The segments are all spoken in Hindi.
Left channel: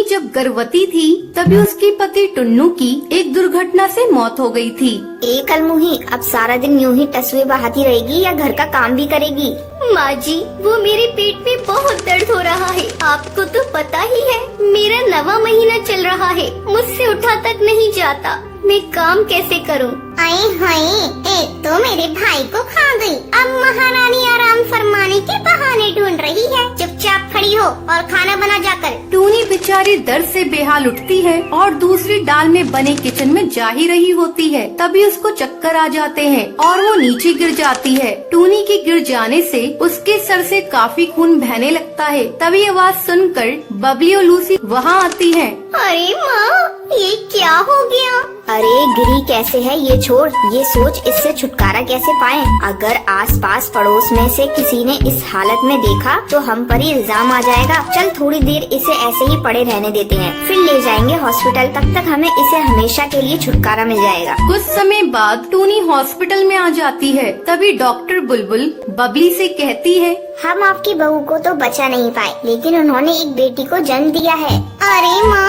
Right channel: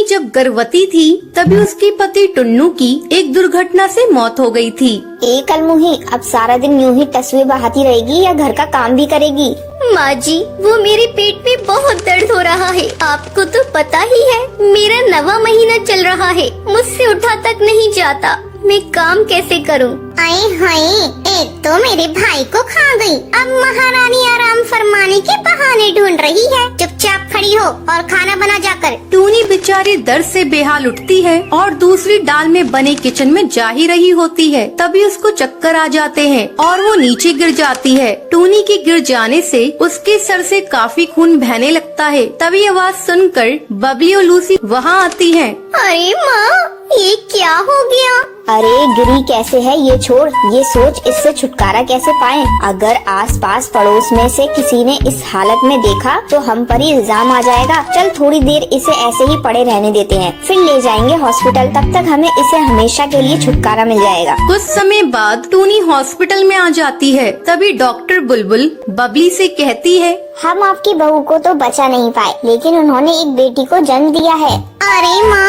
टूनी जब गर्भवती थी तभी उसके पति टुन्नू की एक दुर्घटना से मौत हो गई थी। कल मुही अब सारा दिन यूं ही तस्वीर बहाती रहेगी या घर का काम भी करेगी? माँ जी, वो मेरे पेट में बहुत दर्द हो रहा है। आपको तो पता ही है, मेरा 9वां महीना चल रहा है, मुझसे उठा तक नहीं जाता। मैं काम कैसे करूँ? आए हाय, एक तो मेरे भाई को खा गई, अब महारानी आराम फरमाने के बहाने ढूंढ रही है। चुपचाप खड़ी हो और खाना बना जाकर। टूनी बेचारी दर्द से बेहाल उठती है और दूसरी दाल में बने किचन में जा ही रही होती है। तभी उसको चक्कर आ जाते हैं और वो नीचे गिर जाती है। टूनी के गिर जाने से उसके सर से काफी खून बहने लगता है। तभी आवाज सुनकर बबली और लूसी वहाँ आती है। अरे माँ, ये क्या हो गया? अरे गिरी कैसे है ये छोड़, ये सोच इससे छुटकारा कैसे पाएं। अगर आसपास पड़ोस में से किसी ने इस हालत में देखा तो हम पर ही इल्जाम आ जाएगा। चल थोड़ी देर इसे ऐसे ही पड़े रहने देते हैं, फिर ले जाएंगे हॉस्पिटल। तब तक हमें इसे हमेशा के लिए छुटकारा मिल जाएगा। कुछ समय बाद टूनी हॉस्पिटल में आ जाती है। तभी डॉक्टर बुलबुल बबली से कहती है, हम आपकी बहू को तो बचा नहीं पाए, लेकिन उन्होंने एक बेटी को जन्म दिया है। अरे माँ,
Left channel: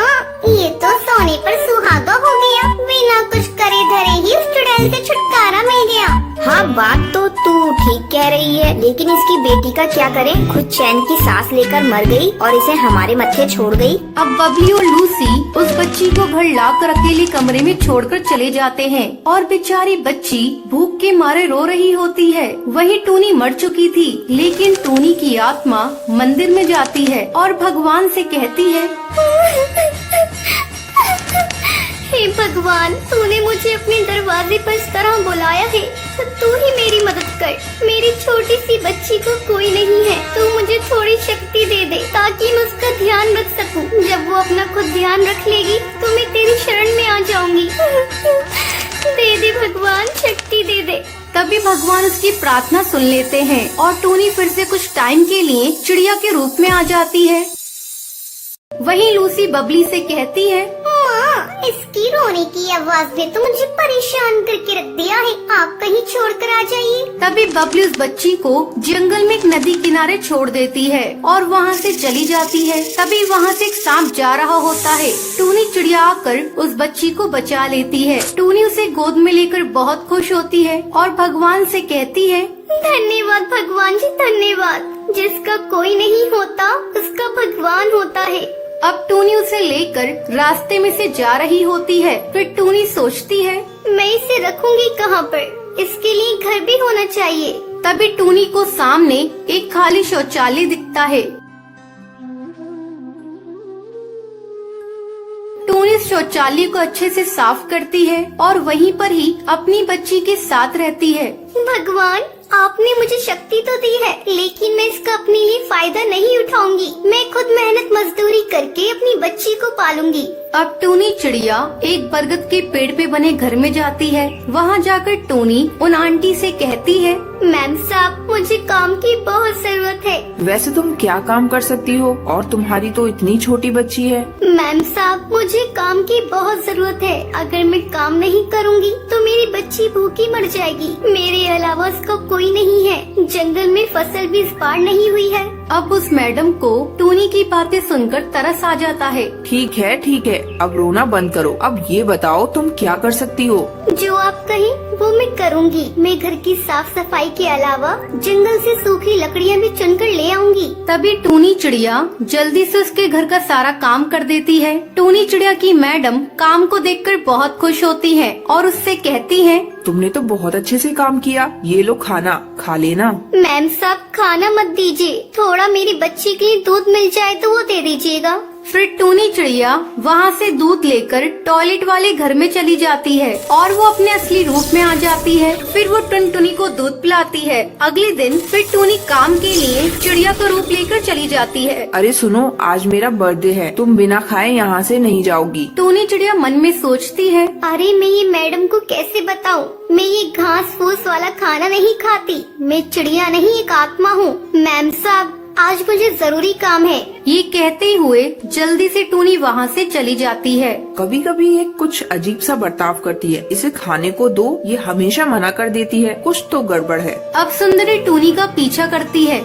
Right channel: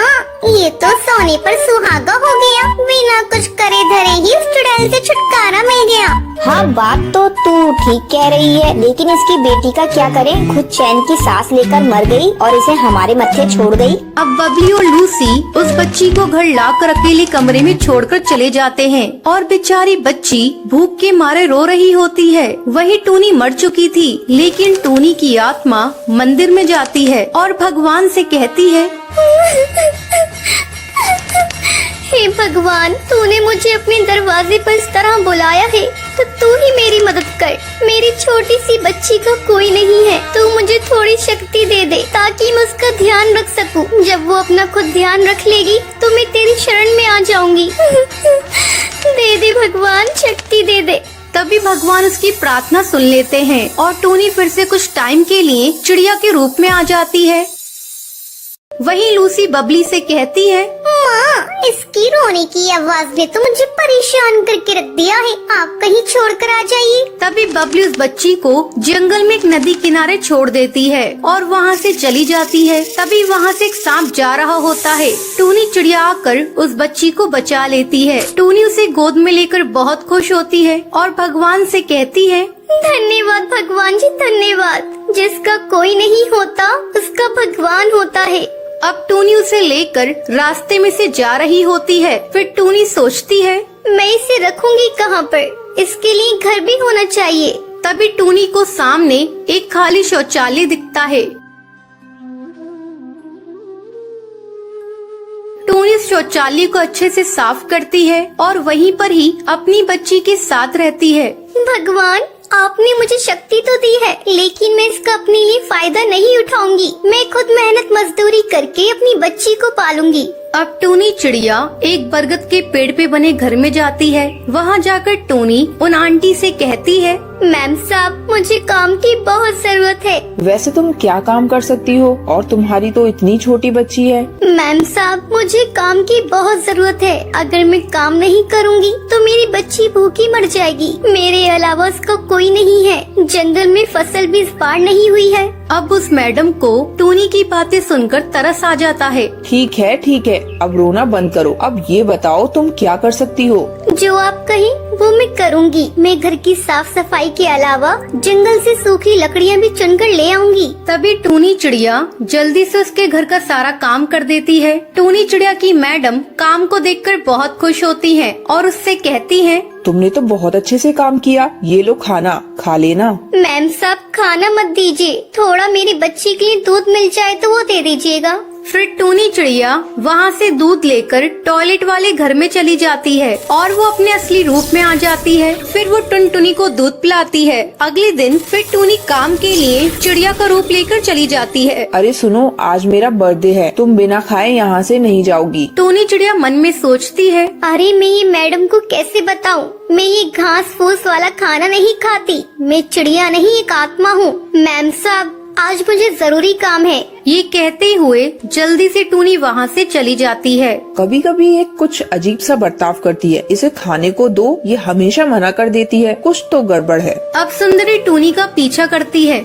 ये तो सोने पर सुहागा हो गया। बिना कुछ करे धरे ही उस चुड़ैल से छुटकारा मिल गया। हाँ बात तो तू ठीक कह रही है, लेकिन इसकी बेटी का क्या करें? खुद चैन की सांस लेकर मर गई और इसे हमारे मत्थे छोड़ गई। अब बबली और लूसी उस बच्ची को घर लाकर अकेले कमरे में छोड़कर चले जाते हैं और बेचारी बच्ची भूख के मारे रो रही होती है। वही टूनी मर चुकी थी, लेकिन टूनी की आत्मा मंदिर में जाती है और भगवान से कहती है, हे भगवान, तूने मुझे अपने दरवाजे पर इस तरह बुलाया है, तो तू ही मेरी मदद कर। मेरी छोटी सी बच्ची का कोई नहीं है, तो मुझे थोड़ी शक्ति दे दे ताकि मैं उसका ध्यान रख सकूं। जब वो अपना खुद ध्यान रख लेगी तो मैं तेरी शरण में आ जाऊंगी। दे दे भगवान, शक्ति दे दे। तभी भगवान उसकी प्रार्थना सुन लेते हैं और टूनी फिर से कुछ टाइम के लिए चिड़िया के रूप में आ जाती है। वहीं लूसी बबली से कहती है, माँ, इसकी रोने की आवाज ने तो मुझे परेशान करके रख दिया है। आप कहीं छोड़कर आ जाइए। तभी बबली उस बच्ची को जंगल में एक नदी किनारे छोड़ देती है और वहाँ से चली जाती है। तभी वहाँ से एक सांप जा रहा होता है। टूनी चिड़िया आकर उस बच्ची को बचा लेती है। टूनी उसे गोद में लेकर बहुत खुश होती है और भगवान से कहती है, धन्यवाद भगवान जी, धन्यवाद। जिसका कोई नहीं होता उसका भगवान होता है। अब टूनी उसे लेकर रास्ते में से जा रही होती है। फिर टूनी सोचती है, मैं इसे रखूंगी कहाँ पर? इसके लिए घर भी होना चाहिए। तभी टूनी को सामने एक खाली शौचालय दिखता है। टूनी शौचालय को अच्छे से साफ करती है और वहीं पर ही अपनी बच्ची के साथ रहती है। भगवान, आपने मुझे शक्ति तो दी है, लेकिन मैं इसका अपने लिए फायदा नहीं उठाऊंगी। मैं खुद मेहनत मजदूरी करके अपनी बच्ची को पालूंगी। अब टूनी चिड़िया एक बरगद के पेड़ पे बने घर में जाती है। वहाँ जाकर टूनी उन आंटी से कहती है, मैम साहब, मुझे काम की बहुत जरूरत है। वैसे तुम क्या काम कर सकती हो? और तुम्हारी तो इतनी छोटी बच्ची है। मैम साहब, मुझे काम की बहुत जरूरत है। अगर मैं काम नहीं करूंगी तो मेरी बच्ची भूखी मर जाएगी। मेरे अलावा उसका कोई नहीं है। जंगल में फसल भी इस बार नहीं हुई है। अब उस मैडम को टूनी की बातें सुनकर तरस आ जाता है। ठीक है ठीक है, अब रोना बंद करो। अब ये बताओ तुम क्या कर सकती हो? जो आप कहें वो मैं करूंगी। मैं घर की साफ सफाई के अलावा जंगल से सूखी लकड़ियाँ भी चुनकर ले आऊंगी। तभी टूनी चिड़िया जल्दी से उसके घर का सारा काम कर देती है। टूनी चिड़िया की मैडम काम को देखकर बहुत खुश होती है और उससे कहती है, तुमने तो बहुत अच्छे से काम किया। ये लो खाना खा लेना। मैम साहब, खाना मत दीजिए, थोड़ा मेरी बच्ची के लिए दूध मिल जाए तो वो दे दीजिएगा। फिर टूनी चिड़िया वहाँ से दूध लेकर टॉयलेट वाले घर में चली जाती है और वो अपने असली रूप में आ जाती है। फिर वो टुनटुनी को दूध पिलाती है। अगले दिन फिर टूनी काम के लिए चिड़िया का रूप लेकर चली जाती है। अरे सुनो, आज मेरा बर्थडे है, तुम बिना खाए यहाँ से नहीं जाओगी। टूनी चिड़िया मन में सोचती है, अरे मैं ये मैडम को कैसे बताऊं? मैं ये घास फूस वाला खाना नहीं खाती। मैं चिड़िया नहीं, एक आत्मा हूँ। मैम साहब, आज मुझे जरूरी काम है। ये कहते हुए जल्दी से टूनी वहाँ से चली जाती है। कभी कभी ये कुछ अजीब सा बर्ताव करती है। इसे खाने को दो, ये हमेशा मना कर देती है। कुछ तो गड़बड़ है। अब सुंदरी टूनी का पीछा करती है।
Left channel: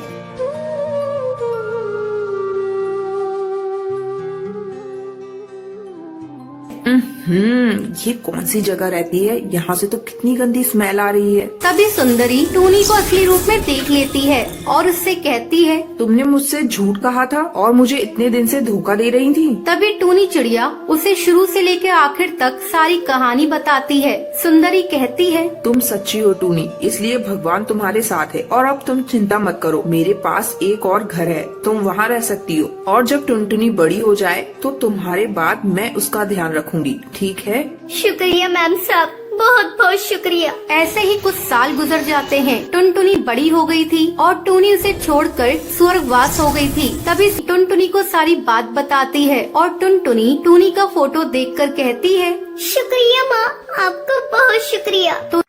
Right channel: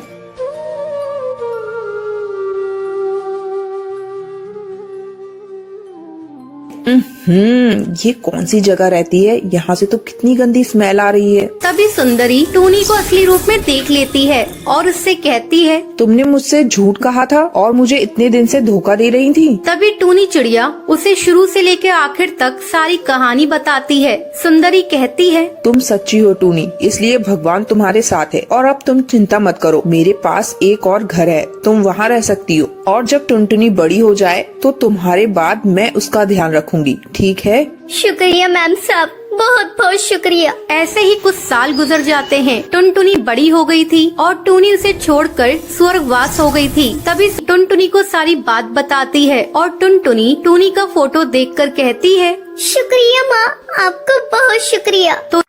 ये कौन सी जगह रहती है? यहाँ से तो कितनी गंदी स्मेल आ रही है। तभी सुंदरी टूनी को असली रूप में देख लेती है और उससे कहती है, तुमने मुझसे झूठ कहा था और मुझे इतने दिन से धोखा दे रही थी। तभी टूनी चिड़िया उसे शुरू से लेकर आखिर तक सारी कहानी बताती है। सुंदरी कहती है, तुम सच्ची हो टूनी, इसलिए भगवान तुम्हारे साथ है और अब तुम चिंता मत करो। मेरे पास एक और घर है, तुम वहाँ रह सकती हो और जब टुनटुनी बड़ी हो जाए तो तुम्हारे बाद मैं उसका ध्यान रखूंगी, ठीक है? शुक्रिया मैम साहब, बहुत बहुत शुक्रिया। ऐसे ही कुछ साल गुजर जाते हैं। टुनटुनी बड़ी हो गई थी और टूनी उसे छोड़कर स्वर्गवास हो गई थी। तभी टुनटुनी को सारी बात बताती है और टुनटुनी टूनी का फोटो देखकर कहती है, शुक्रिया माँ, आपका बहुत शुक्रिया। तो